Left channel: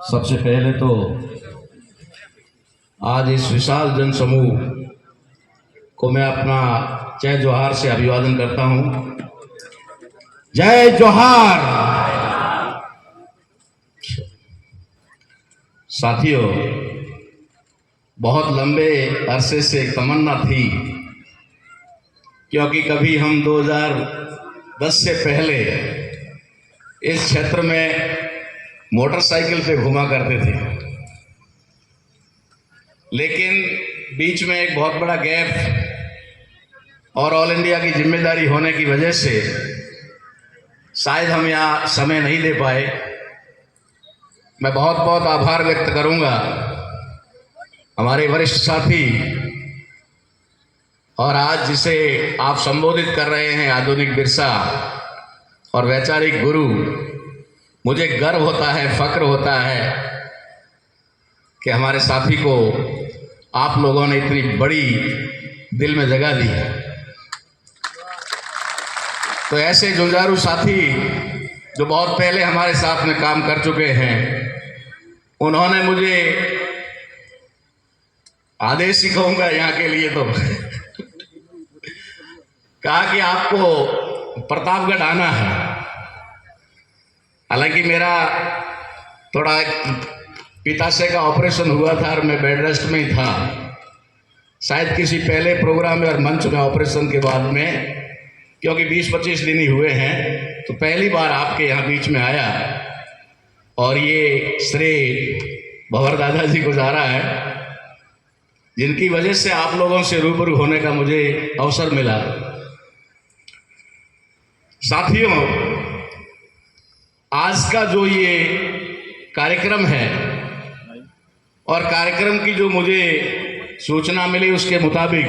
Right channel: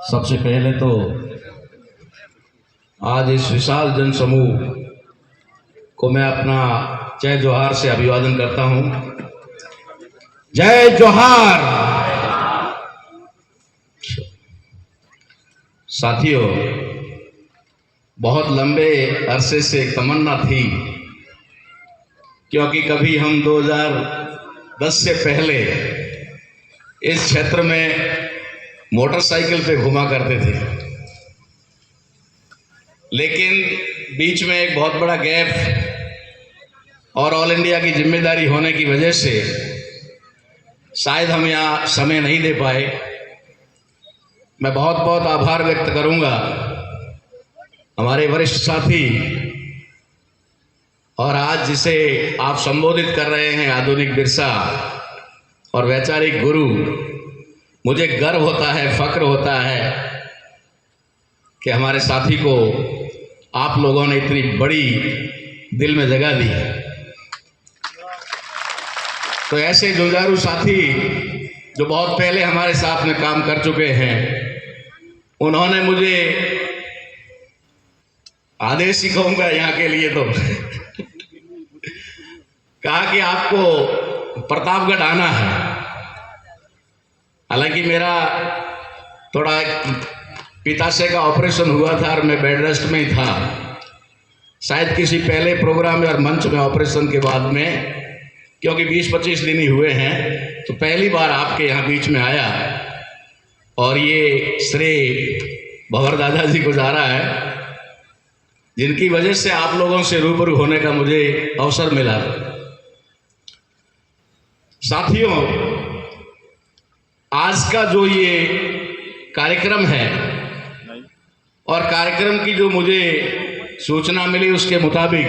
सबसे पहले तो आज इस विशाल जन समूह को मैं अपना जय जोहार से अभिवादन करता हूं। जय जोहार। साथियों, बहुत लंबे अरसे से तमन्ना थी, क्योंकि कभी हम 2010 से पहले इस क्षेत्र में मोटरसाइकिल पे घुमा करते थे, लेकिन बीच में एक बहुत बड़ा गैप और ऑल इंडिया की जिम्मेदारी होने की वजह से शायद हम यहाँ समय नहीं दे पाए। मैं बहुत बहुत आभार व्यक्त करूंगा हमारे वरिष्ठ साथी और आज जिसे आप संबोधित कर रहे हैं आधुनिक बिरसा और वैचारिक गुरु, मुझे गर्व होता है, फक्र होता है कि हमारे साथी को आप लोगों ने इतनी बड़ी दिल में जगह दी है। तो ऐसे जुझारू साथी जो बहुत पहले हमारे साथ में काम कर चुके हैं, उन्होंने मुझे आदेश ही कहूंगा यहाँ के लिए तो कहा कि आपको प्रतापगढ़ आना है। हालांकि मेरा थोड़ा पित्ताशय का ऑपरेशन हुआ था और मैं बेड रेस्ट में ही था। शायद किसी पहले प्रोग्राम में और मंच में ऑपरेशन के बाद में, क्योंकि 20-25 दिन ही हुए हैं, तो पहली बार आपके यहाँ बीच में आया और ये श्रेय भंवर दादा जी को जा रहा है, जिनकी वजह से आप लोगों से रूबरू होने का मुझे अवसर मिला। साथियों, आज का जो ये कार्यक्रम है और कार्यक्रम की जो मुझे सूचना मिली उसके मुताबिक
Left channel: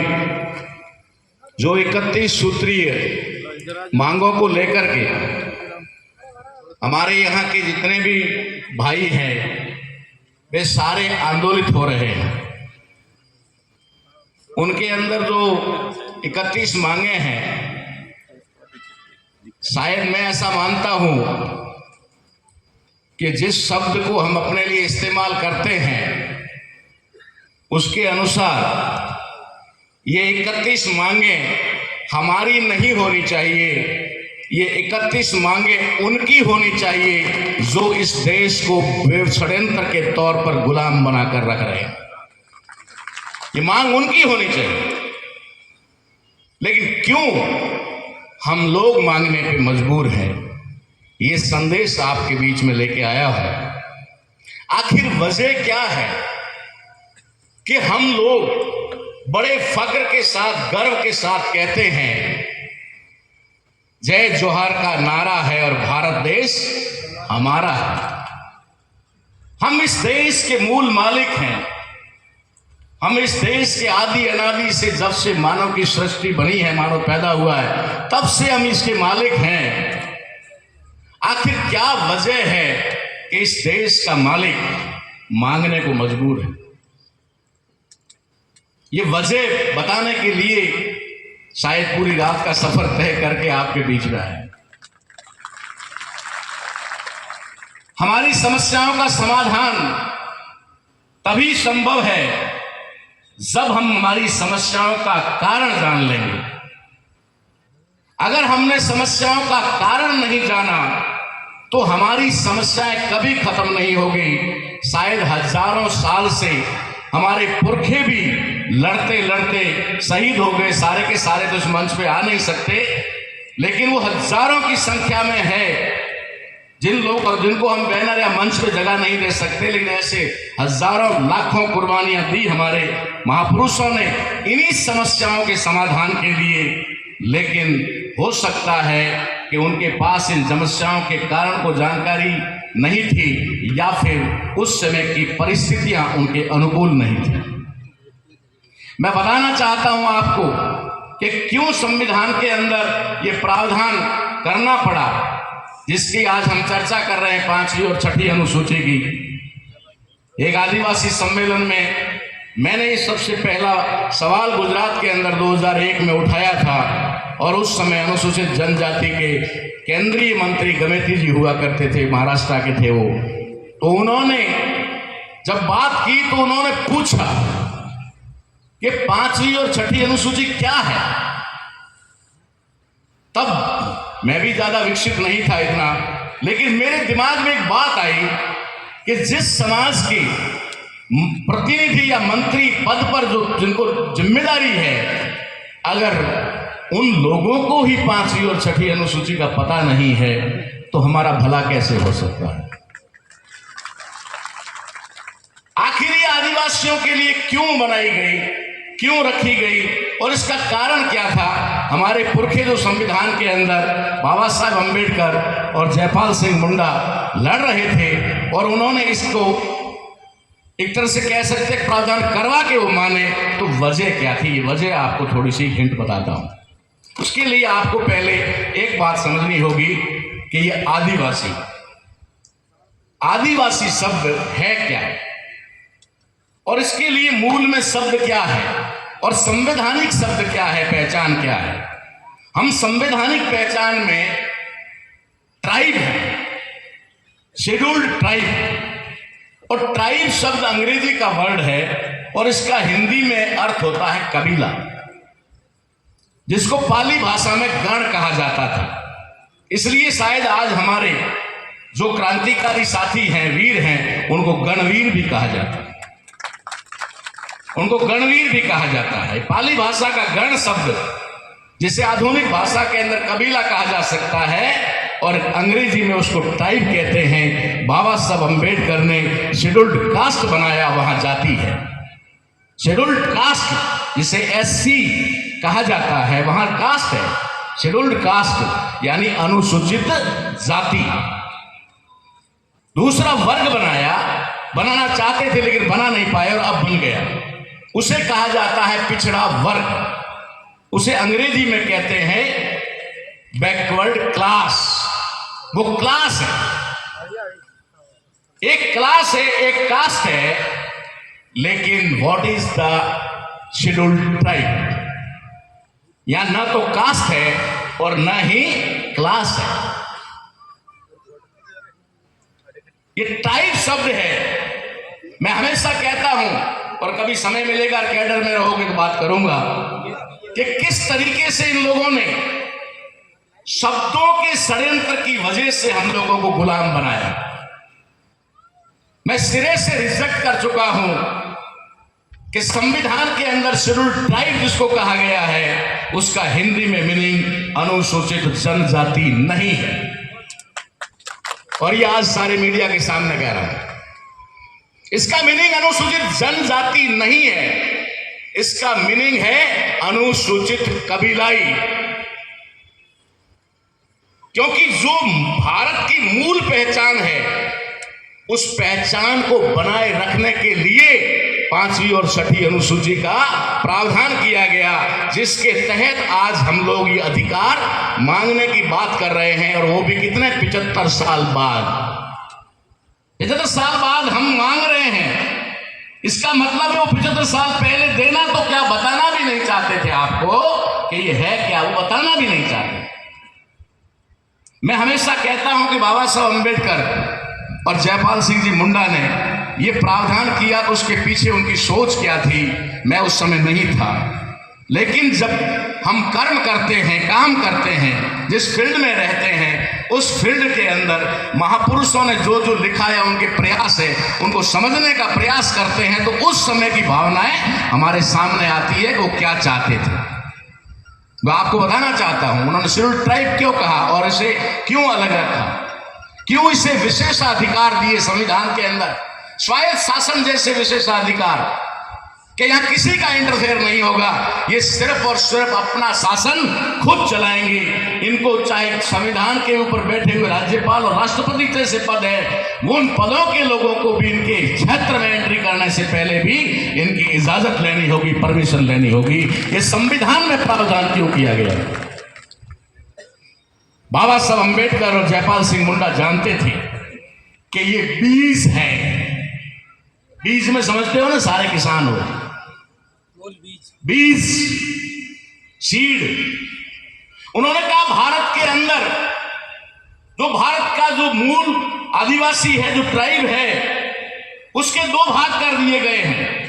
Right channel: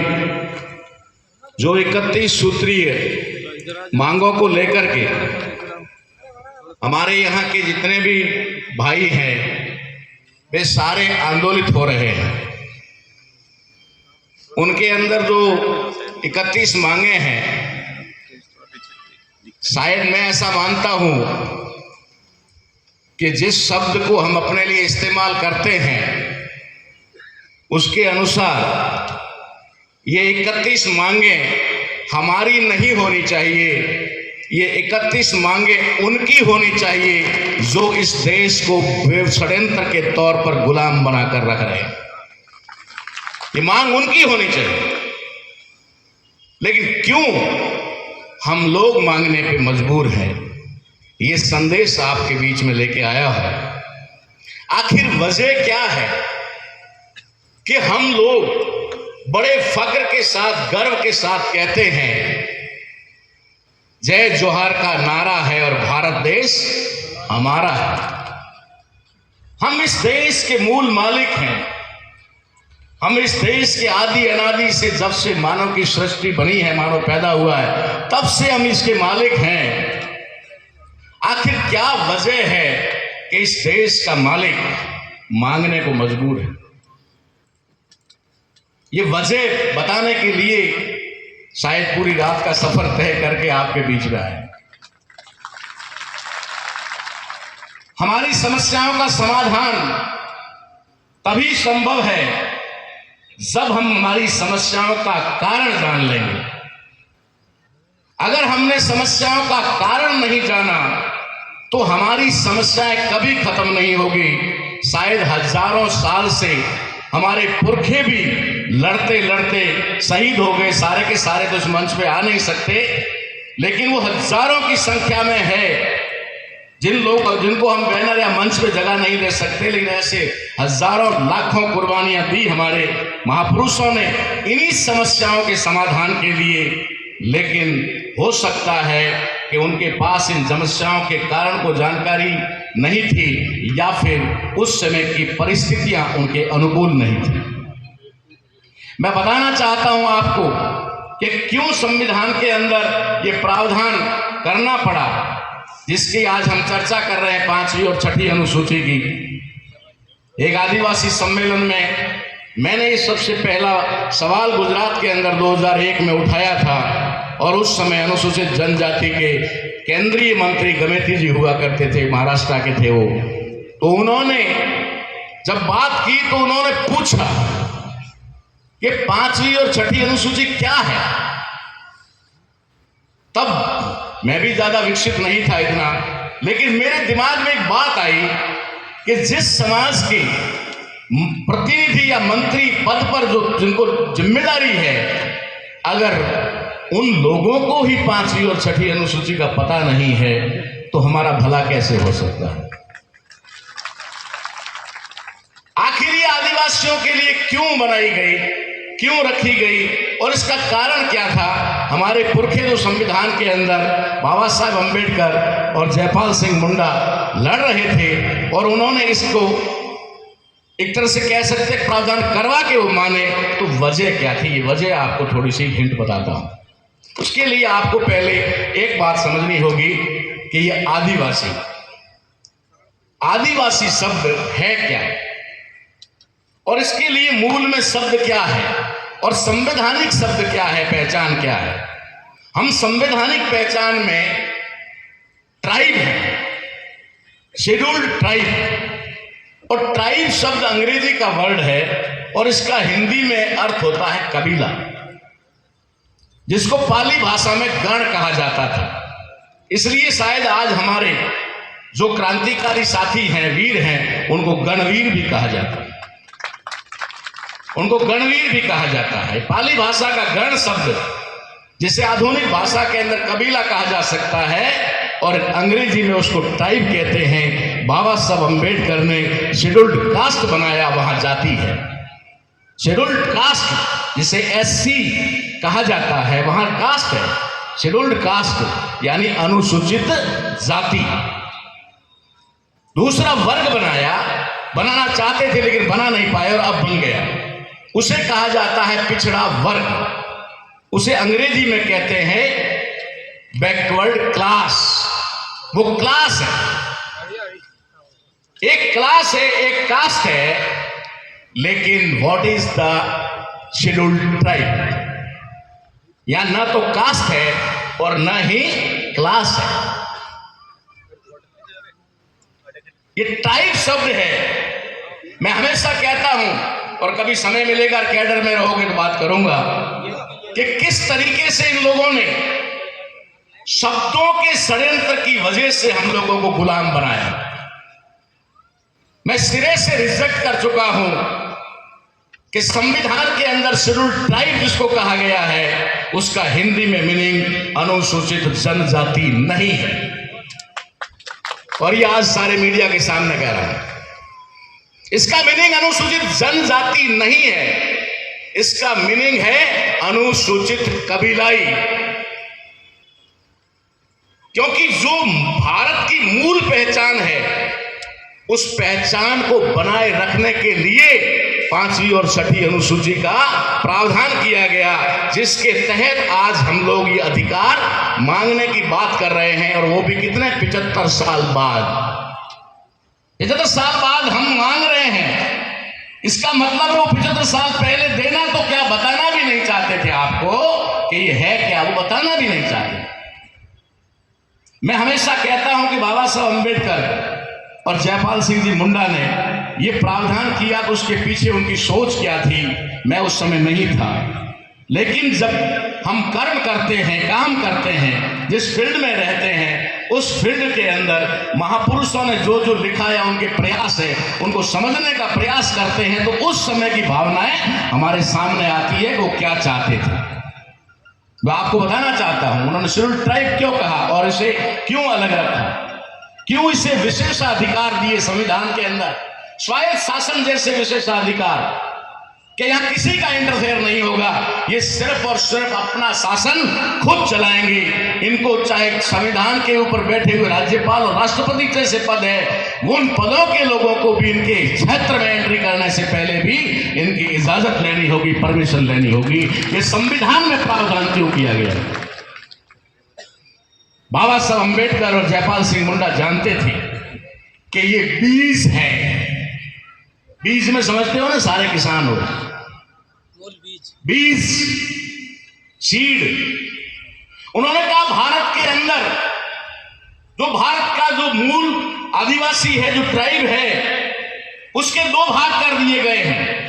जो 31 सूत्रीय मांगों को लेकर के हमारे यहाँ के जितने भी भाई हैं वे सारे आंदोलित हो रहे हैं। उनके अंदर जो 31 मांगे हैं, शायद मैं ऐसा मानता हूं कि जिस शब्द को हम अपने लिए इस्तेमाल करते हैं उसके अनुसार ये 31 मांगे हमारी नहीं होनी चाहिए। ये 31 मांगे उनकी होनी चाहिए जो इस देश को षड्यंत्र के तौर पर गुलाम बनाकर रख रहे हैं। ये मांग उनकी होनी चाहिए, लेकिन क्यों हम लोग मांगने पे मजबूर हैं, ये संदेश आपके बीच में लेके आया है। आखिर वजह क्या है कि हम लोग बड़े फक्र के साथ, गर्व के साथ कहते हैं जय जोहार का नारा है और भारत देश हमारा है। हम इस देश के मूल मालिक हैं। हम इस देश के आदि अनादि से, जब से मानव की सृष्टि बनी है, मानव पैदा हुआ है, तब से हम इसके मालिक हैं। आखिर क्या वजह है कि इस देश का मालिक मांगने को मजबूर है? ये वजह बताने के लिए शायद पूरी रात का सफर तय करके आपके बीच में आए। हमारी समस्याओं का समाधान तभी संभव है जब हम हमारी समस्याओं का कारण जान लेंगे। अगर हमने समस्याओं का कारण नहीं जाना तो हमारी समस्याएं कभी खत्म नहीं होगी। शायद हजारों साल से हमारे पुरखे भी लड़ते लड़ते शहीद हो गए। सारे के सारे तो इस मंच पे आ नहीं सकते, लेकिन वो हजारों की संख्या में है जिनको हम बैनर या मंच पे जगह नहीं दे सकते, लेकिन ऐसे हजारों लाखों कुर्बानियां दी हमारे महापुरुषों ने इन्हीं समस्याओं के समाधान के लिए। लेकिन हो सकता है कि उनके पास इन समस्याओं के कारण को जानकारी नहीं थी, या फिर उस समय की परिस्थितियां उनके अनुकूल नहीं थी। मैं बताना चाहता हूं आपको कि क्यों संविधान के अंदर ये प्रावधान करना पड़ा, जिसकी आज हम चर्चा कर रहे हैं 5वीं और 6ठी अनुसूची की। एक आदिवासी सम्मेलन में मैंने इस सबसे पहला सवाल गुजरात के अंदर 2001 में उठाया था, और उस समय अनुसूचित जनजाति के केंद्रीय मंत्री गमेती जी हुआ करते थे, महाराष्ट्र के थे वो। तो उन्होंने जब बात की तो उन्होंने पूछा कि 5वीं और 6ठी अनुसूची क्या है। तब मैं भी ज्यादा विकसित नहीं था इतना, लेकिन मेरे दिमाग में एक बात आई कि जिस समाज की प्रतिनिधि या मंत्री पद पर जो जिनको जिम्मेदारी है, अगर उन लोगों को ही 5वीं और 6ठी अनुसूची का पता नहीं है तो हमारा भला कैसे हो सकता है। आखिर ये आदिवासियों के लिए क्यों बनाई गई, क्यों रखी गई और इसका कारण क्या था। हमारे पुरखे जो संविधान के अंदर बाबा साहब अम्बेडकर और जयपाल सिंह मुंडा लड़ रहे थे और उन्होंने इसको एक तरह से कह सकते प्रावधान करवा के वो माने, तो वजह क्या थी, ये वजह आपको थोड़ी सी हिंट बताता हूं। उसके लिए आपको पहले एक बात समझनी होगी कि ये आदिवासी शब्द है क्या और इसके लिए मूल में शब्द क्या है और संवैधानिक शब्द क्या है, पहचान क्या है। हम संवैधानिक पहचान में ट्राइब है, शेड्यूल्ड ट्राइब, और ट्राइब शब्द अंग्रेजी का वर्ड है और इसका हिंदी में अर्थ होता है कबीला, जिसको पाली भाषा में गण कहा जाता था। इसलिए शायद आज हमारे जो क्रांतिकारी साथी हैं, वीर हैं, उनको गणवीर भी कहा जाता है, उनको गणवीर भी कहा जाता है। पाली भाषा का गण शब्द जिसे आधुनिक भाषा के अंदर कबीला कहा जा सकता है और अंग्रेजी में उसको ट्राइब कहते हैं। बाबा साहब अम्बेडकर ने शेड्यूल्ड कास्ट बनाया, वहां जाति है। शेड्यूल्ड कास्ट जिसे एससी कहा जाता है, वहां कास्ट है, शेड्यूल्ड कास्ट यानी अनुसूचित जाति। दूसरा वर्ग बनाना चाहते थे लेकिन बना नहीं पाए और अब बन गया, उसे कहा जाता है पिछड़ा वर्ग। उसे अंग्रेजी में कहते हैं बैकवर्ड क्लास। वो क्लास है, एक क्लास है, एक कास्ट है, लेकिन what is the scheduled tribe? या ना तो कास्ट है और न ही क्लास है, ये टाइप शब्द है। मैं हमेशा कहता हूं और कभी समय मिलेगा कैडर में रहोगे तो बात करूंगा कि किस तरीके से इन लोगों ने शब्दों के षड्यंत्र की वजह से हम लोगों को गुलाम बनाया। मैं सिरे से रिजेक्ट कर चुका हूं कि संविधान के अंदर शेड्यूल्ड ट्राइब जिसको कहा गया है उसका हिंदी में मीनिंग अनुसूचित जनजाति नहीं है। और ये आज सारे मीडिया के सामने कह रहा हूं, इसका मीनिंग अनुसूचित जनजाति नहीं है, इसका मीनिंग है अनुसूचित कबीलाई। क्योंकि जो भारत की मूल पहचान है उस पहचान को बनाए रखने के लिए 5वीं और 6ठी अनुसूची का प्रावधान किया गया, जिसके तहत आज हम लोग ये अधिकार मांगने की बात कर रहे हैं। और वो भी कितने 75 साल बाद, 75 साल बाद हम मांग रहे हैं। इसका मतलब है वो 75 साल पहले देना तो क्या बताना भी नहीं चाहते थे आपको कि ये है क्या, वो बताना भी नहीं चाहते। मैं हमेशा कहता हूं कि बाबा साहब अम्बेडकर और जयपाल सिंह जी मुंडा ने ये प्रावधान किया तो उसके पीछे उनकी सोच क्या थी, मैं उस समय नहीं था। लेकिन जब हम कर्म करते हैं, काम करते हैं, जिस फील्ड में रहते हैं, उस फील्ड के अंदर महापुरुषों ने जो जो लिखा है, उनके प्रयास है, उनको समझने का प्रयास करते हैं, तो उस समय की भावनाएं हमारे सामने आती है कि वो क्या चाहते थे। मैं आपको बताना चाहता हूं उन्होंने शेड्यूल्ड ट्राइब क्यों कहा और इसे क्यों अलग रखा, क्यों इसे विशेषाधिकार दिए संविधान के अंदर, स्वायत्त शासन जैसे विशेषाधिकार कि यहां किसी का इंटरफेयर नहीं होगा, ये सिर्फ और सिर्फ अपना शासन खुद चलाएंगे। इनको चाहे संविधान के ऊपर बैठे हुए राज्यपाल और राष्ट्रपति जैसे पद है, उन पदों के लोगों को भी इनके क्षेत्र में एंट्री करने से पहले भी इनकी इजाजत लेनी होगी, परमिशन लेनी होगी। ये संविधान में प्रावधान क्यों किया गया है? बाबा साहब अम्बेडकर और जयपाल सिंह मुंडा जानते थे कि ये बीज है। बीज में समझते हो ना, सारे किसान हो, बीज सीड। उन्होंने कहा भारत के अंदर जो भारत का जो मूल आदिवासी है, जो ट्राइब है, उसके दो भाग कर दिए गए हैं।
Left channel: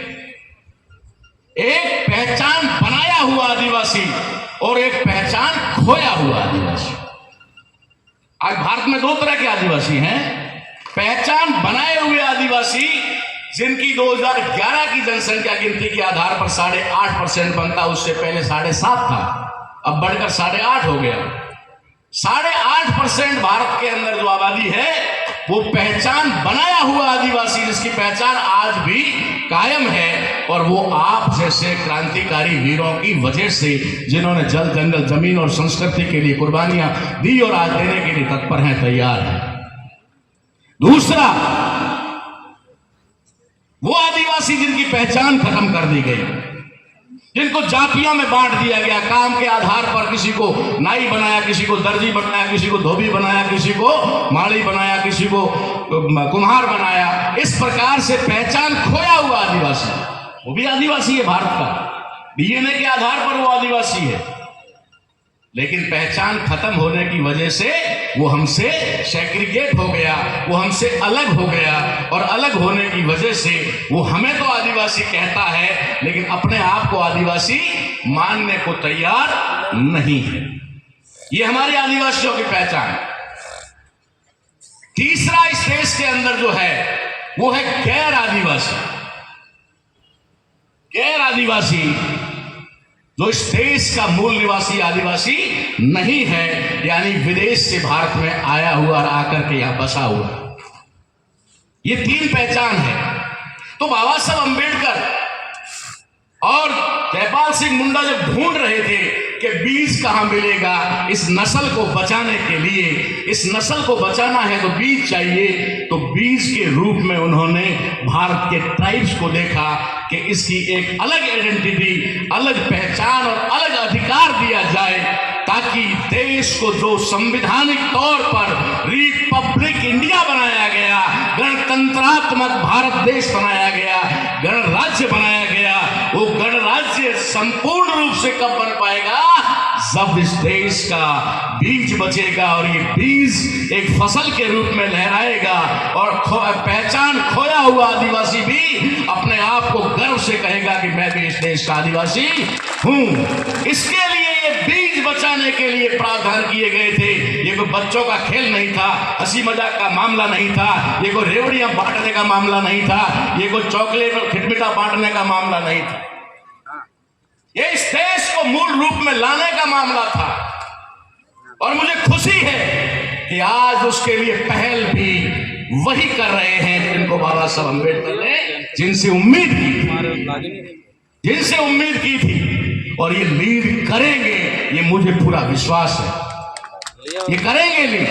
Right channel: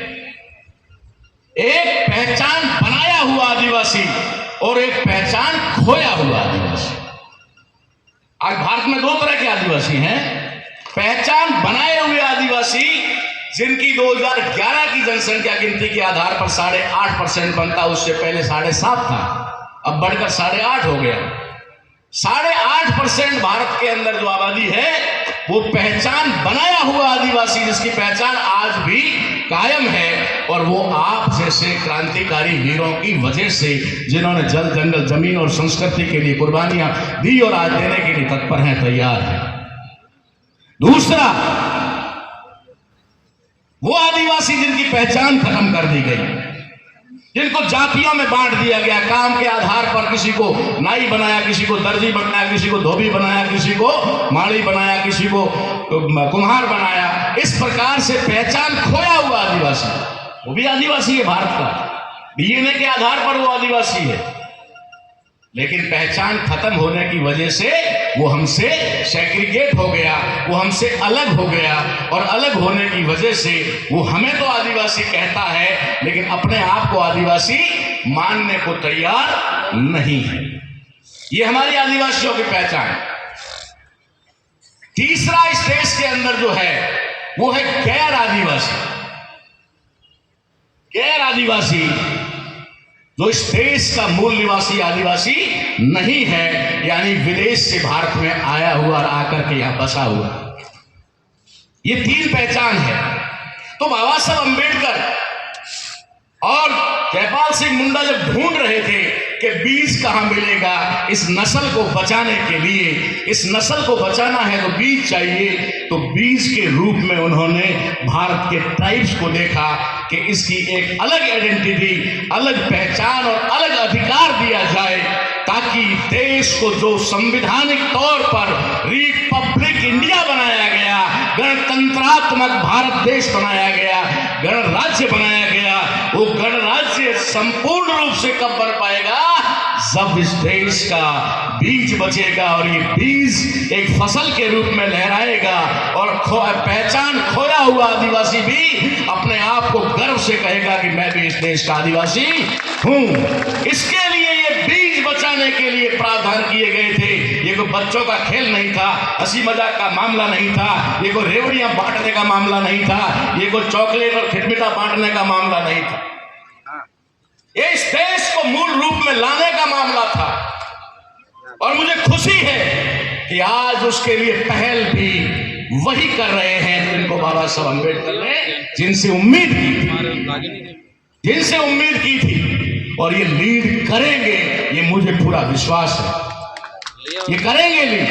एक पहचान बनाया हुआ आदिवासी और एक पहचान खोया हुआ आदिवासी। आज भारत में दो तरह के आदिवासी हैं। पहचान बनाए हुए आदिवासी, जिनकी 2011 की जनसंख्या गिनती के आधार पर 8.5% बनता, उससे पहले 7.5 था, अब बढ़कर 8.5 हो गया। 8.5% भारत के अंदर जो आबादी है वो पहचान बनाया हुआ आदिवासी, जिसकी पहचान आज भी कायम है, और वो आप जैसे क्रांतिकारी वीरों की वजह से, जिन्होंने जल जंगल जमीन और संस्कृति के लिए कुर्बानियां दी और आज देने के लिए तत्पर हैं, तैयार हैं। दूसरा, वो आदिवासी जिनकी पहचान खत्म कर दी गई, जिनको जातियों में बांट दिया गया, काम के आधार पर किसी को नाई बनाया, किसी को दर्जी बनाया, किसी को धोबी बनाया, किसी को माड़ी बनाया, किसी को कुम्हार बनाया। इस प्रकार से पहचान खोया हुआ आदिवासी, वो भी आदिवासी है भारत का, डीएनए के आधार पर वो आदिवासी है, लेकिन पहचान खत्म होने की वजह से वो हमसे सेग्रीगेट हो गया, वो हमसे अलग हो गया, और अलग होने की वजह से वो हमें तो आदिवासी कहता है, लेकिन अपने आप को आदिवासी मानने को तैयार नहीं है। ये हमारी आदिवासियों की पहचान। तीसरा इस देश के अंदर जो है वो है गैर आदिवासी। गैर आदिवासी जो इस देश का मूल निवासी आदिवासी नहीं है, यानी विदेश से भारत में आया हुआ और आकर के यहां बसा हुआ, ये तीन पहचान है। तो बाबा साहब अंबेडकर और जयपाल सिंह मुंडा जब ढूंढ रहे थे कि बीज कहां मिलेगा इस नस्ल को बचाने के लिए, इस नस्ल को बचाना है तो बीज चाहिए, तो बीज के रूप में उन्होंने भारत के ट्राइब्स को देखा कि इसकी एक अलग आइडेंटिटी, अलग पहचान और अलग अधिकार दिया जाए, ताकि देश को जो संवैधानिक तौर पर रिपब्लिक इंडिया बनाया गया, गणतंत्रात्मक भारत देश बनाया गया, गणराज्य बनाया गया, वो गणराज्य संपूर्ण रूप से कब बन पाएगा? जब इस देश का बीज बचेगा और ये बीज एक फसल के रूप में लहराएगा, और पहचान खोया हुआ आदिवासी भी अपने आप को गर्व से कहेगा कि मैं भी इस देश का आदिवासी हूं। इसके लिए ये बीज बचाने के लिए प्रावधान किए गए थे। ये कोई बच्चों का खेल नहीं था, हंसी मजाक का मामला नहीं था, ये कोई रेवड़ियां बांटने का मामला नहीं था, ये कोई चॉकलेट और खिटमिटा बांटने का मामला नहीं था। ये इस देश को मूल रूप में लाने का मामला था, और मुझे खुशी है कि आज उसके लिए पहल भी वही कर रहे हैं जिनको बाबा साहब अम्बेडकर ने जिनसे उम्मीद की थी, और ये लीड करेंगे, ये मुझे पूरा विश्वास है। ये करेंगे लीड,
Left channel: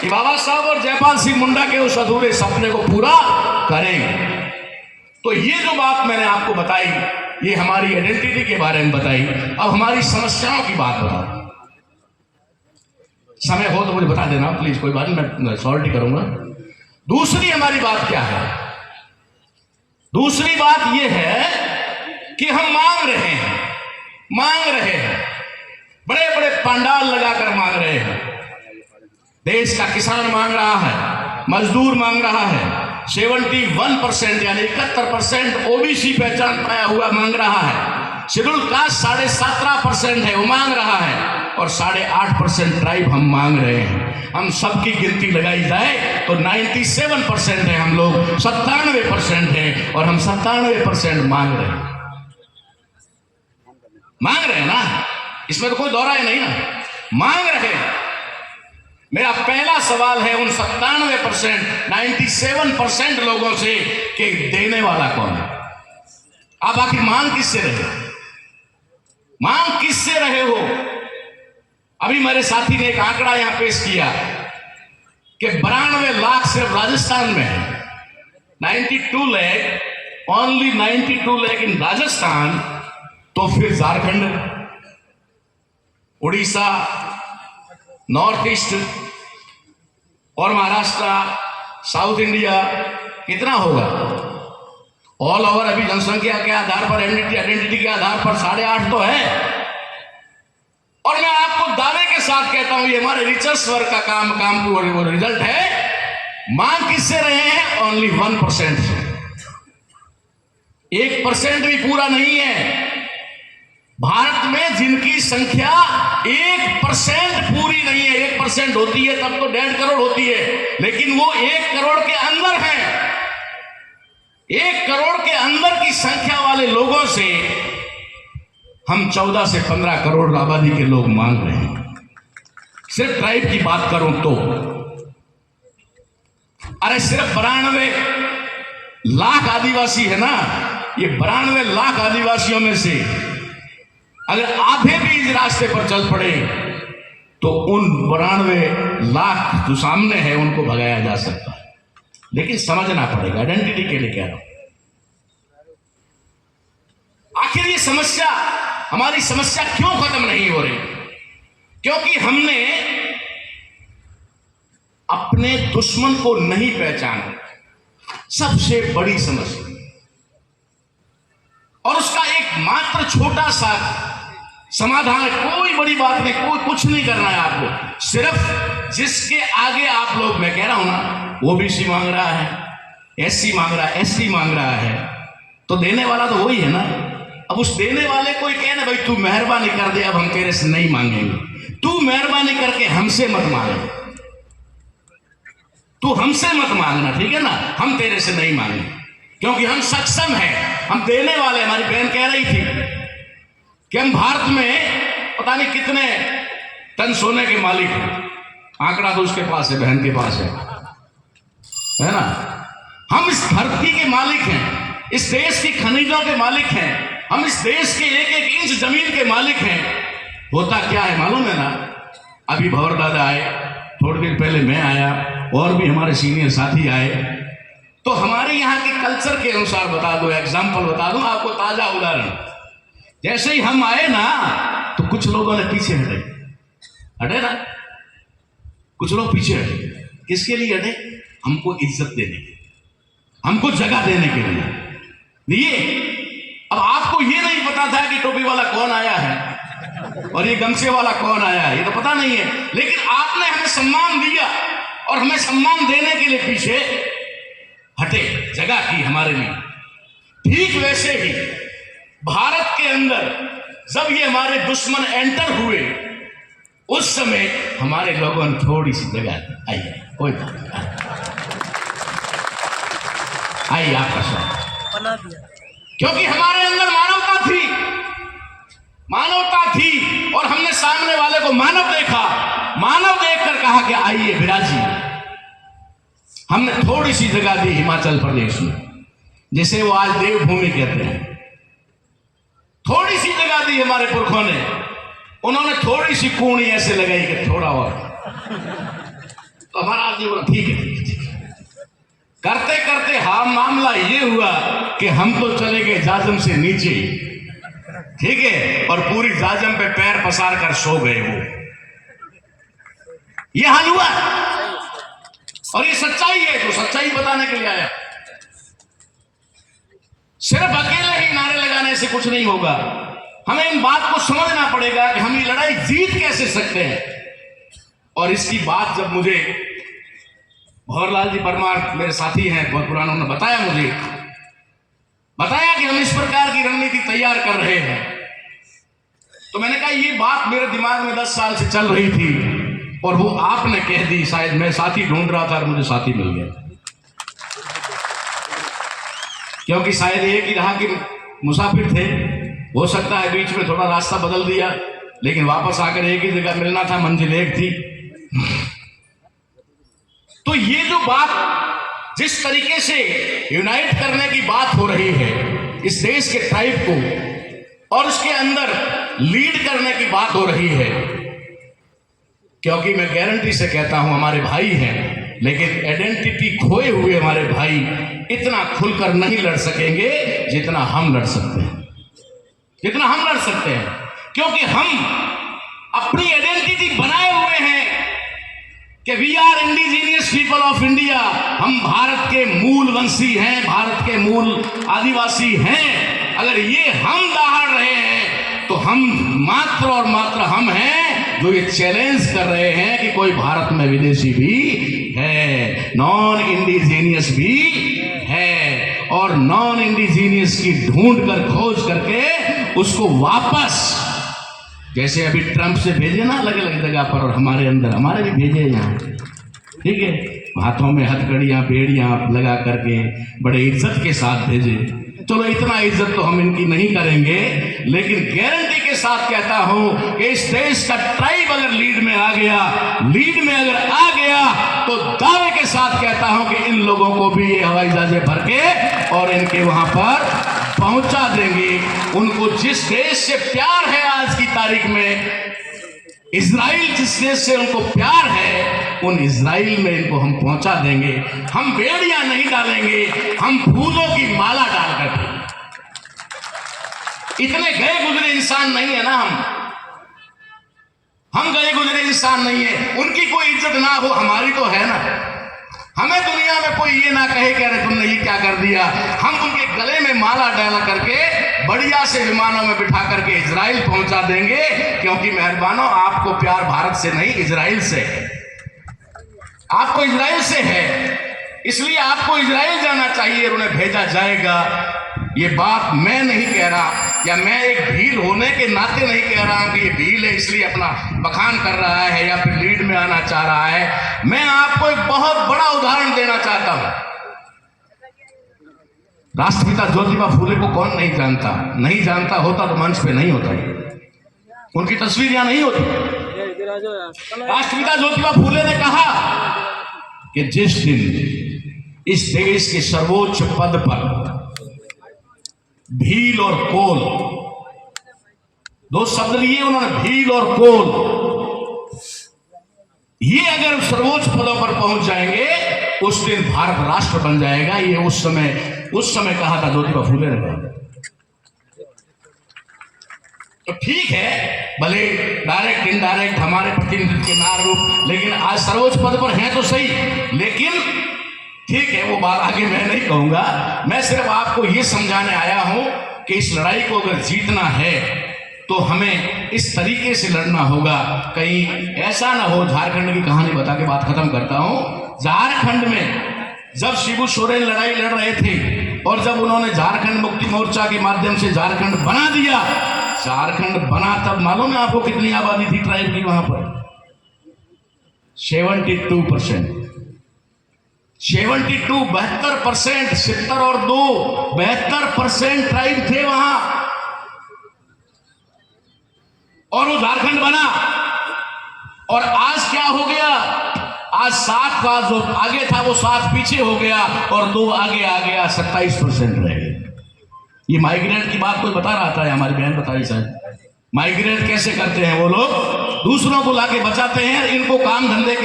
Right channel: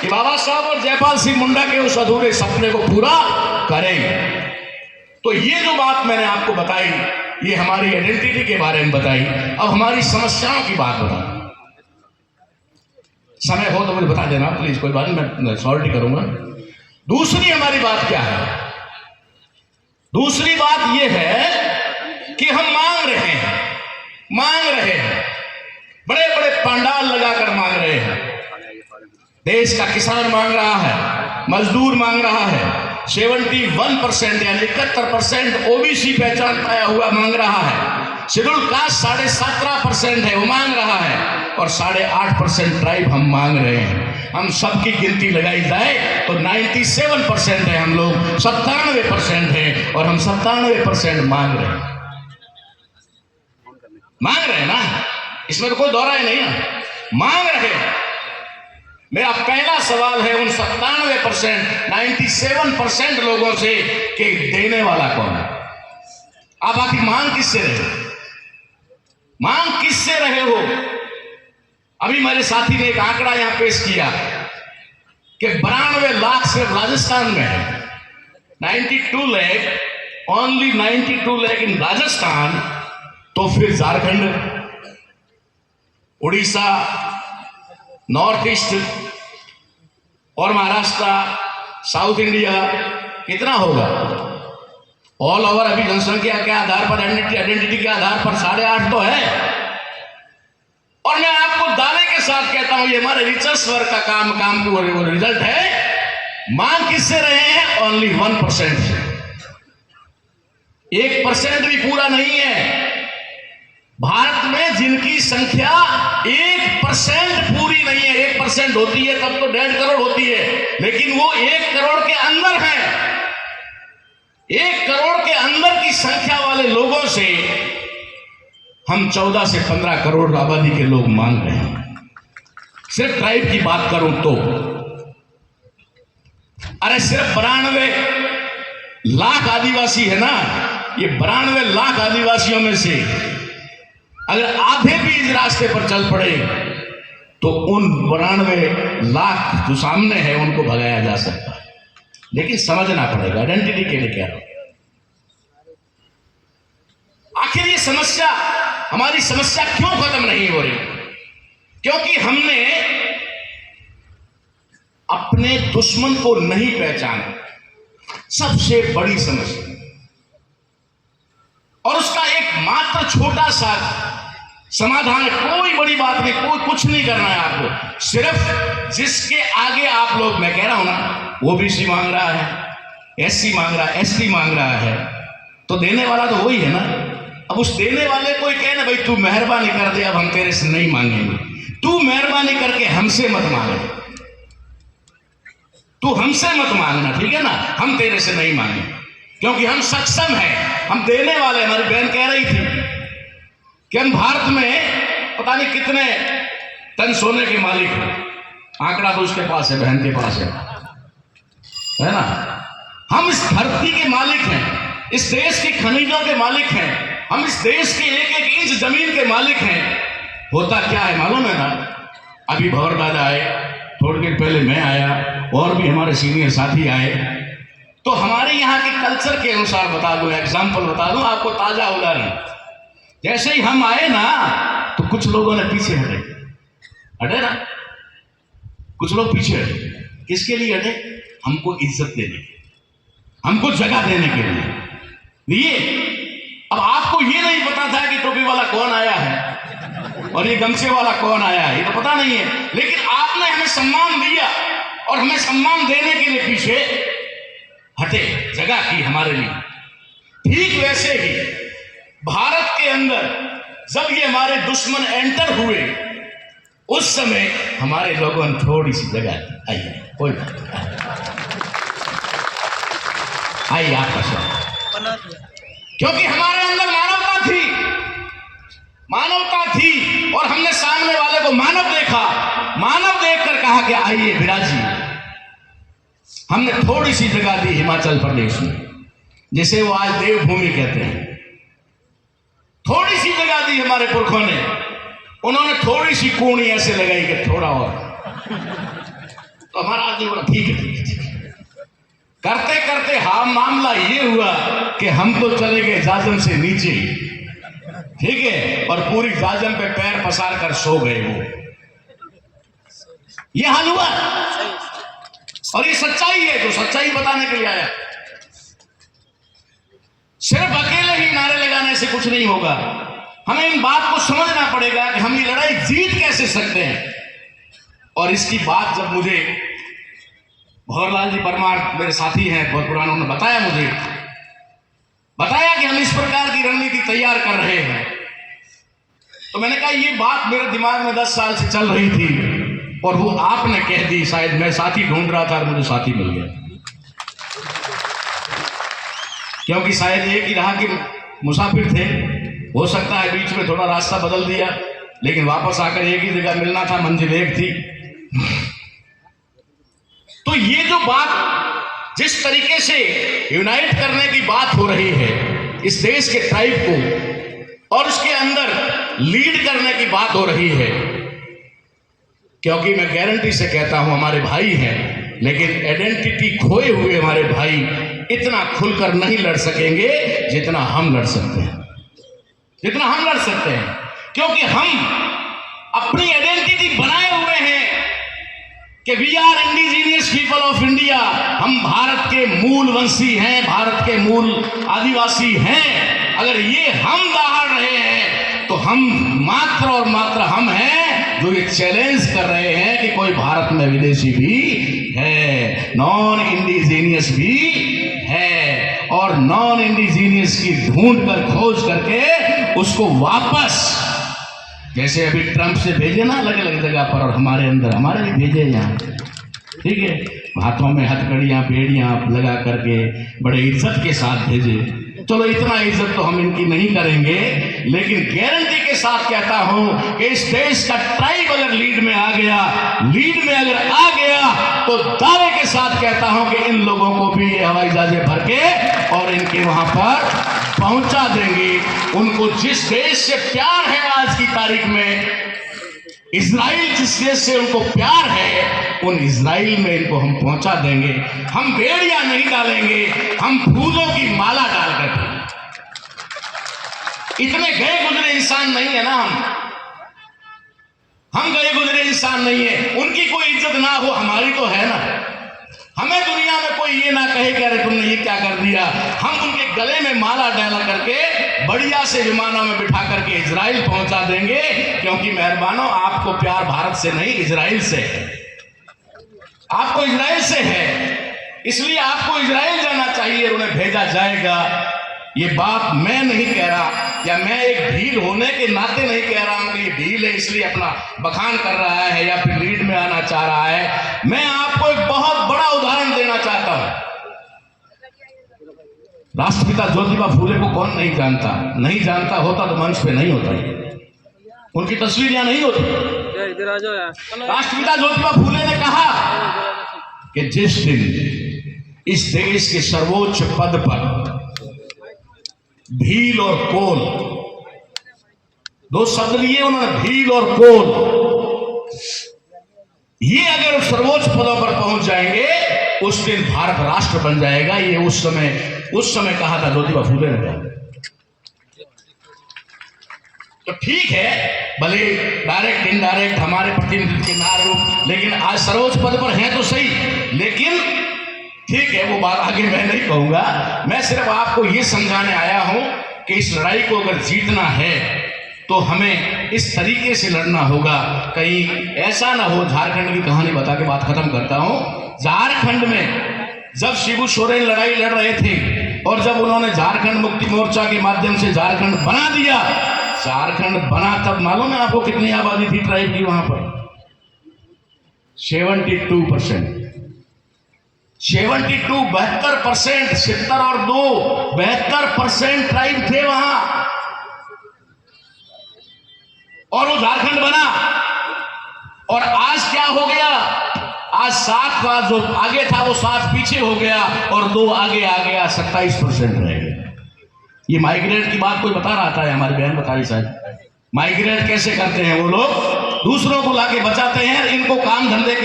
कि बाबा साहब और जयपाल सिंह मुंडा के उस अधूरे सपने को पूरा करेंगे। तो ये जो बात मैंने आपको बताई, ये हमारी आइडेंटिटी के बारे में बताई। अब हमारी समस्याओं की बात बताओ। समय हो तो मुझे बता देना प्लीज, कोई बात नहीं, मैं सॉल्टी करूंगा। दूसरी हमारी बात क्या है? दूसरी बात यह है कि हम मांग रहे हैं, बड़े बड़े पंडाल लगाकर मांग रहे हैं। देश का किसान मांग रहा है, मजदूर मांग रहा है, 71% यानी 71% ओबीसी पहचान पाया हुआ मांग रहा है, शेड्यूल कास्ट 17.5% है वो मांग रहा है, और 8.5% ट्राइब हम मांग रहे हैं। हम सबकी गिनती लगाई जाए तो 97% है, हम लोग 97% है, और हम 97% मांग रहे हैं। ना, इसमें तो कोई दौरा ही नहीं ना, मांग रहे हैं। मेरा पहला सवाल है उन 97% लोगों से कि देने वाला कौन है? आप आखिर मांग किससे रहे हो? अभी मेरे साथी ने एक आंकड़ा यहां पेश किया कि 92 लाख सिर्फ राजस्थान में है, 92 लाख, ओनली 92 लाख इन राजस्थान। तो फिर झारखंड, उड़ीसा, नॉर्थ ईस्ट और महाराष्ट्र, साउथ इंडिया कितना होगा? ऑल ओवर अभी जनसंख्या के आधार पर, आइडेंटिटी के आधार पर 8.5 तो है। और मैं आपको दावे के साथ कहता हूं, ये हमारे रिसर्च वर्क का काम रिजल्ट है। मांग किससे रहे हैं? ओनली 1% से। 1% भी पूरा नहीं है। भारत में जिनकी संख्या 1% पूरी नहीं है, 1% होती है तब तो 1.5 करोड़ होती है, लेकिन वो 1 करोड़ के अंदर है। 1 करोड़ के अंदर की संख्या वाले लोगों से हम 14 से 15 करोड़ आबादी के लोग मांग रहे हैं। सिर्फ ट्राइब की बात करूं तो अरे सिर्फ 92 लाख आदिवासी है ना, ये 92 लाख आदिवासियों में से अगर आधे भी इस रास्ते पर चल पड़े तो उन 92 लाख जो सामने है उनको भगाया जा सकता है। लेकिन समझना पड़ेगा, आइडेंटिटी के लिए कह रहा हूं। आखिर ये समस्या, हमारी समस्या क्यों खत्म नहीं हो रही? क्योंकि हमने अपने दुश्मन को नहीं पहचाना, सबसे बड़ी समस्या। और उसका एक मात्र छोटा सा समाधान है, कोई बड़ी बात नहीं, कोई कुछ नहीं करना है आपको। सिर्फ जिसके आगे आप लोग, मैं कह रहा हूं ना, ओबीसी मांग रहा है, एससी मांग रहा है, एसटी मांग रहा है, तो देने वाला तो वही है ना। अब उस देने वाले को ही कहना, भाई तू मेहरबानी कर दे, अब हम तेरे से नहीं मांगेंगे, तू मेहरबानी करके हमसे मत मांगे, तू हमसे मत मांगना, ठीक है ना, हम तेरे से नहीं मांगे, क्योंकि हम सक्षम हैं, हम देने वाले। हमारी बहन कह रही थी कि हम भारत में पता नहीं कितने टन सोने के मालिक हैं, आंकड़ा तो उसके पास है, बहन के पास है ना। हम इस धरती के मालिक हैं, इस देश की खनिजों के मालिक हैं, हम इस देश के एक एक इंच जमीन के मालिक हैं। होता क्या है मालूम है ना, अभी भंवर दादा आए, थोड़ी देर पहले मैं आया, और भी हमारे सीनियर साथी आए, तो हमारे यहाँ के कल्चर के अनुसार बता दूं, एग्जाम्पल बता दूं आपको, ताजा उदाहरण। जैसे ही हम आए ना तो कुछ लोगों ने पीछे हटे ना, कुछ लोग पीछे हटे। किसके लिए हटे? हमको इज्जत देने के, हमको जगह देने के लिए। अब आपको ये नहीं पता था कि टोपी वाला कौन आया है और ये गमछे वाला कौन आया है, ये तो पता नहीं है, लेकिन आपने हमें सम्मान दिया और हमें सम्मान देने के लिए पीछे हटे, जगह की हमारे लिए। ठीक वैसे ही भारत के अंदर जब ये हमारे दुश्मन एंटर हुए, उस समय हमारे लोगों ने थोड़ी सी जगह आई, कोई बात नहीं, आई आपका स्वागत, क्योंकि हमारे अंदर मानवता थी और हमने सामने वाले को मानव देखा, मानव देखकर कहा कि आइए विराजिए। हमने थोड़ी सी जगह दी हिमाचल प्रदेश में, जिसे वो आज देवभूमि कहते हैं, थोड़ी सी जगह दी हमारे पुरखों ने। उन्होंने थोड़ी सी कूणी ऐसे लगाई कि थोड़ा और, तो हमारा आदमी बोला ठीक है। करते करते हाँ मामला ये हुआ कि हम तो चले गए जाजम से नीचे, ठीक है, और पूरी जाजम पे पैर पसार कर सो गए वो। ये हाल हुआ और ये सच्चाई है, तो सच्चाई बताने के लिए आया। सिर्फ अकेले ही नारे लगाने से कुछ नहीं होगा, हमें इन बात को समझना पड़ेगा कि हम ये लड़ाई जीत कैसे सकते हैं। और इसकी बात जब मुझे भंवरलाल जी परमार मेरे साथी हैं बहुत पुराने, उन्होंने बताया कि हम इस प्रकार की रणनीति तैयार कर रहे हैं, तो मैंने कहा ये बात मेरे दिमाग में 10 साल से चल रही थी और वो आपने कह दी। शायद मैं साथी ढूंढ रहा था और मुझे साथी मिल गया, क्योंकि शायद एक ही रहा कि मुसाफिर थे, हो सकता है बीच में थोड़ा रास्ता बदल दिया, लेकिन वापस आकर एक ही जगह मिलना था, मंजिल एक थी। तो ये जो बात जिस तरीके से यूनाइट करने की बात हो रही है इस देश के ट्राइब को, और उसके अंदर लीड करने की बात हो रही है, क्योंकि मैं गारंटी से कहता हूं हमारे भाई हैं, लेकिन आइडेंटिटी खोए हुए हमारे भाई इतना खुलकर नहीं लड़ सकेंगे जितना हम लड़ सकते हैं, जितना हम लड़ सकते हैं, क्योंकि हम अपनी आइडेंटिटी बनाए हुए हैं कि we are indigenous people of India. हम भारत के मूल वंशी हैं, भारत के मूल आदिवासी हैं। अगर ये हम दहाड़ रहे हैं तो हम मात्र और मात्र हम हैं जो ये चैलेंज कर रहे हैं कि कोई भारत में विदेशी भी है। नॉन इंडिजीनियस भी है, और नॉन इंडिजीनियस की ढूंढ कर खोज करके उसको वापस, जैसे अभी ट्रंप से भेजे ना अलग अलग जगह पर, और हमारे अंदर हमारे भी भेजे यहाँ, ठीक है, हाथों में हथकड़ियाँ बेड़ियाँ लगा करके बड़े इज्जत के साथ भेजे। चलो इतना इज्जत तो हम इनकी नहीं करेंगे, लेकिन गारंटी के साथ कहता हूं कि इस देश का ट्राइब अगर लीड में आ गया तो दावे के साथ कहता हूं कि इन लोगों को भी ये हवाई जहाजे भर के और इनके वहां पर पहुंचा देंगे। उनको जिस देश से प्यार है आज की तारीख में, इजराइल जिस देश से उनको प्यार है, उन इजराइल में इनको हम पहुंचा देंगे। हम बेड़ियां नहीं डालेंगे, हम फूलों की माला डाल कर। इतने गए गुजरे इंसान नहीं है ना, हम गए गुजरे इंसान नहीं है। उनकी कोई इज्जत ना हो, हमारी तो है ना। हमें दुनिया में कोई ये ना कहे कि अरे तुमने ये क्या कर दिया। हम उनके गले में माला डाल करके बढ़िया से विमानों में बिठा करके इजराइल पहुंचा देंगे, क्योंकि मेहरबानों आपको प्यार भारत से नहीं इजराइल से है। आपको इजराइल से है, इसलिए आपको इजराइल जाना चाहिए और उन्हें भेजा जाएगा। ये बात मैं नहीं कह रहा, या मैं एक भील होने के नाते नहीं कह रहा हूं कि ये भील है इसलिए अपना बखान कर रहा है या फिर लीड में आना चाह रहा है। मैं आपको एक बहुत बड़ा उदाहरण देना चाहता हूं। राष्ट्रपिता ज्योतिबा फूले को कौन नहीं जानता? नहीं जानता होता तो मंच पे नहीं होता, उनकी तस्वीर यहां नहीं होती। राष्ट्रपिता ज्योतिबा फूले ने कहा कि जिस दिन इस देश के सर्वोच्च पद पर भील और कोल, दो शब्द लिए उन्होंने, भील और कोल, ये अगर सर्वोच्च पदों पर पहुंच जाएंगे उस दिन भारत राष्ट्र बन जाएगा। ये उस समय कहा था ज्योतिबा फूले ने कहा। तो ठीक है, भले डायरेक्ट इनडायरेक्ट हमारे प्रतिनिधित्व के ना रूप, लेकिन आज सर्वोच्च पद पर हैं तो सही, लेकिन ठीक है वो बात आगे मैं नहीं कहूंगा। मैं सिर्फ आपको ये समझाने आया हूं कि इस लड़ाई को अगर जीतना है तो हमें इस तरीके से लड़ना होगा। कहीं ऐसा ना हो, झारखंड की कहानी बता के बात खत्म करता हूं। झारखंड में जब शिबू सोरेन लड़ाई लड़ रहे थे और जब उन्होंने झारखंड मुक्ति मोर्चा के माध्यम से झारखंड बना दिया, झारखंड बना तब मालूम है आपको कितनी आबादी थी ट्राइब की वहां पर? 72%। 72% 70 और 2 72% ट्राइब थे वहां, और वो झारखंड बना। और आज क्या हो गया? आज 7 का जो आगे था वो 7 पीछे हो गया और 2 आगे आ गया, 27% रह गए। ये माइग्रेट की बात कोई बता रहा था, हमारी बहन बताई शायद। माइग्रेट कैसे करते हैं वो लोग? दूसरों को लाके बचाते हैं, इनको काम धंधे के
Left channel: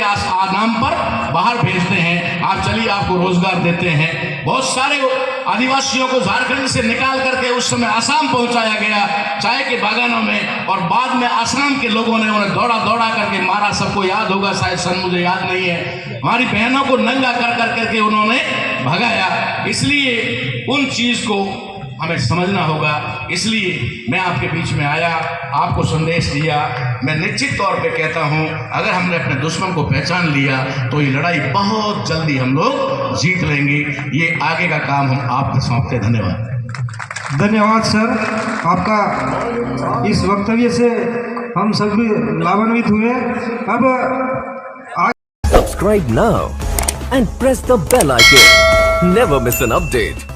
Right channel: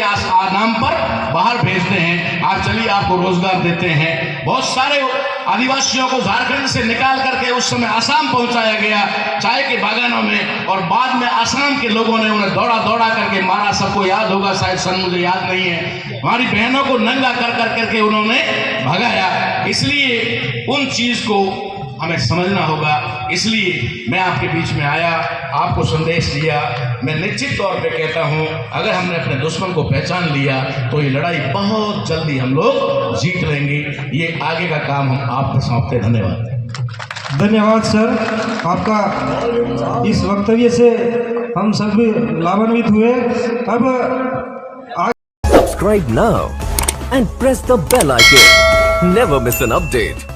नाम पर बाहर भेजते हैं। आप चलिए आपको रोजगार देते हैं। बहुत सारे आदिवासियों को झारखंड से निकाल करके उस समय आसाम पहुंचाया गया चाय के बागानों में, और बाद में आसाम के लोगों ने उन्हें दौड़ा दौड़ा करके मारा। सबको याद होगा शायद, सन मुझे याद नहीं है। हमारी बहनों को नंगा कर करके उन्होंने भगाया। इसलिए उन चीज को हमें समझना होगा। इसलिए मैं आपके बीच में आया, आपको संदेश दिया। मैं निश्चित तौर पे कहता हूं, अगर हमने अपने दुश्मन को पहचान लिया तो ये लड़ाई बहुत जल्दी हम लोग जीत लेंगे। ये आगे का काम हम आपको सौंपते। धन्यवाद। धन्यवाद सर, आपका इस वक्तव्य से हम सभी लाभान्वित हुए। अब subscribe now and press the bell icon, never miss an update.